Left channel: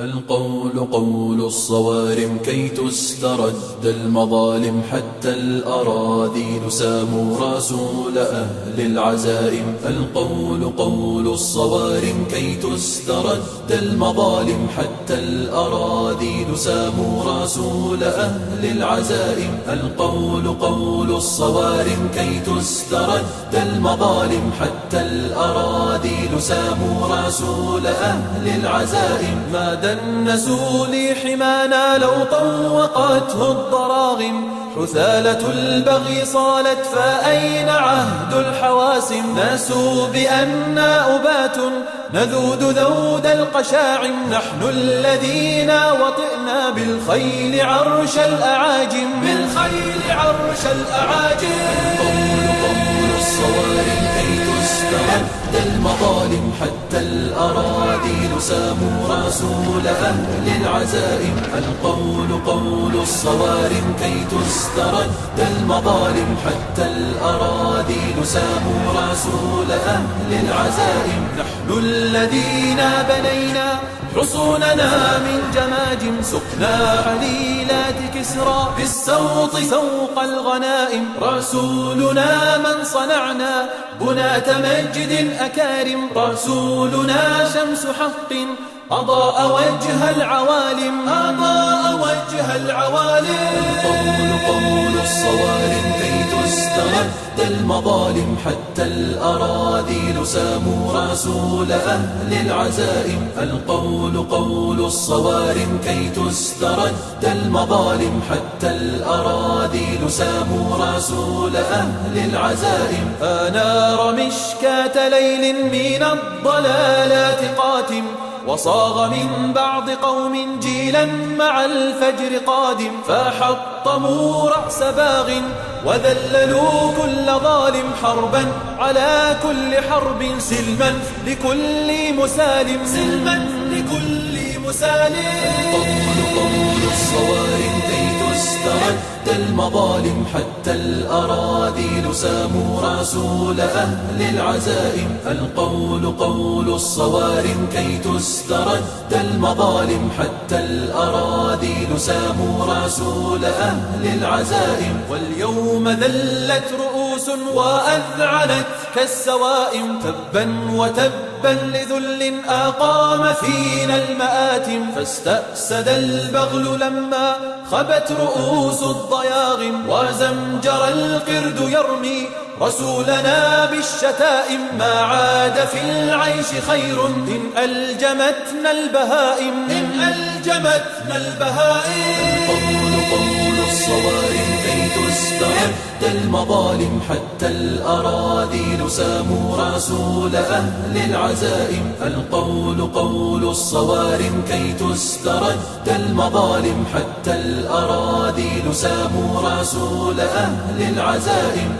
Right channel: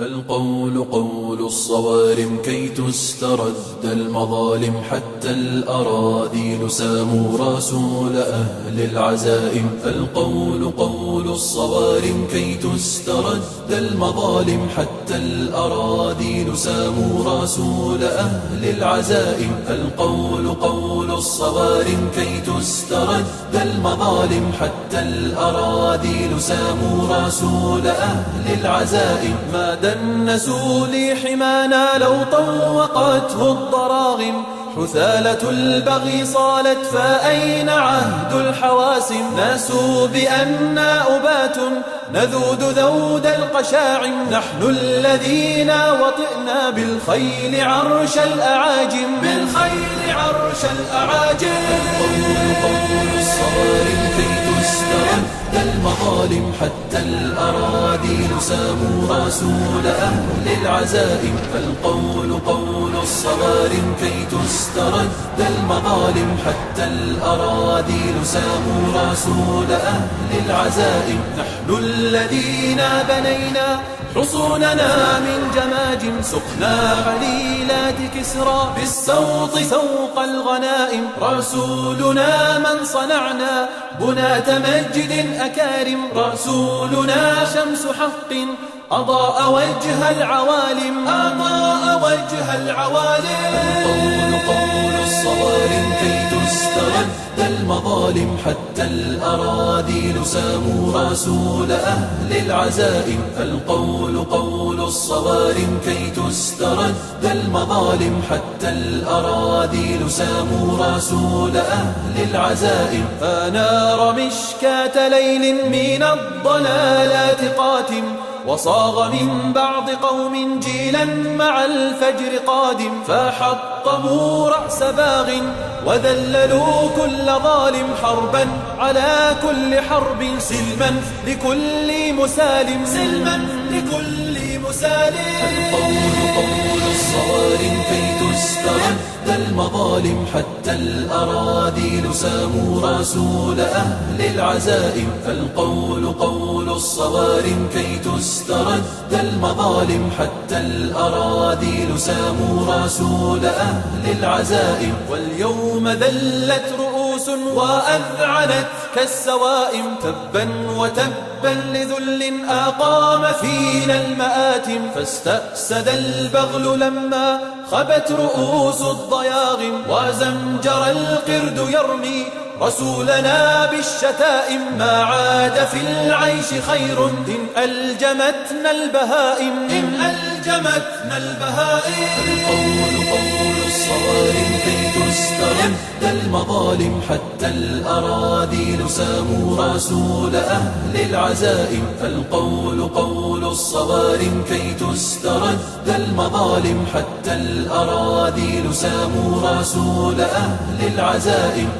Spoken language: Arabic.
القول قول الصوارم كي تسترد المظالم، حتى الأراذيل ساموا رسول أهل العزائم. القول قول الصوارم كي تسترد المظالم، حتى الأراذيل ساموا رسول أهل العزائم. القول قول الصوارم كي تسترد المظالم، حتى الأراذيل ساموا رسول أهل العزائم. ما دنسوا لي حمانا لو طوقته الضراغم، حثالة البغي صالت فأين عهد الحواسم. ناسوا بأننا أبات نذود ذود القشاعم، نحن الذين وطئنا بالخيل عرش الأعاجم. بالخيل عرش الأعاجم. المظالم حتى الأراذيل ساموا رسول أهل العزائم. القول قول الصوارم كي تسترد المظالم، حتى الأراذيل ساموا رسول أهل العزائم. نحن الذين بنينا حصوننا من جماجم، سقنا حليلات كسرى بالسوط سوق الغنائم. رسولنا من صنعنا بناة مجد أكارم، رسولنا شمس حق أضاء وجه العوالم. أضاء وجه العوالم. قول الصوارم كي تسترد المظالم، حتى الأراذيل ساموا رسول أهل العزائم. القول قول الصوارم كي تسترد المظالم، حتى الأراذيل ساموا رسول أهل العزائم. أنار مشكاة ليل من الضلالات قاتم، وصاغ من بعض قوم جيلا مع الفجر قادم. فحطموا رأس باغ وذللوا كل ظالم، حربا على كل حرب سلما لكل مسالم. سلما لكل مسالم. قول الصوارم كي تسترد المظالم، حتى الأراذيل ساموا رسول أهل العزائم. القول قول الصوارم كي تسترد المظالم، حتى الأراذيل ساموا رسول أهل العزائم. واليوم ذلت رؤوس وأذعنت كالسوائم، تبا وتبا لذل أقام فينا المآتم. فاستأسد البغل لما خبت رؤوس الضياغم، وزمجر القرد يرمي رسولنا بالشتائم. ما عاد في العيش خير إن ألجمتنا البهائم. إن ألجمتنا البهائم. قول الصوارم كي تسترد المظالم، حتى الأراذيل ساموا رسول أهل العزائم. القول قول الصوارم كي تسترد المظالم، حتى الأراذيل ساموا رسول أهل العزائم.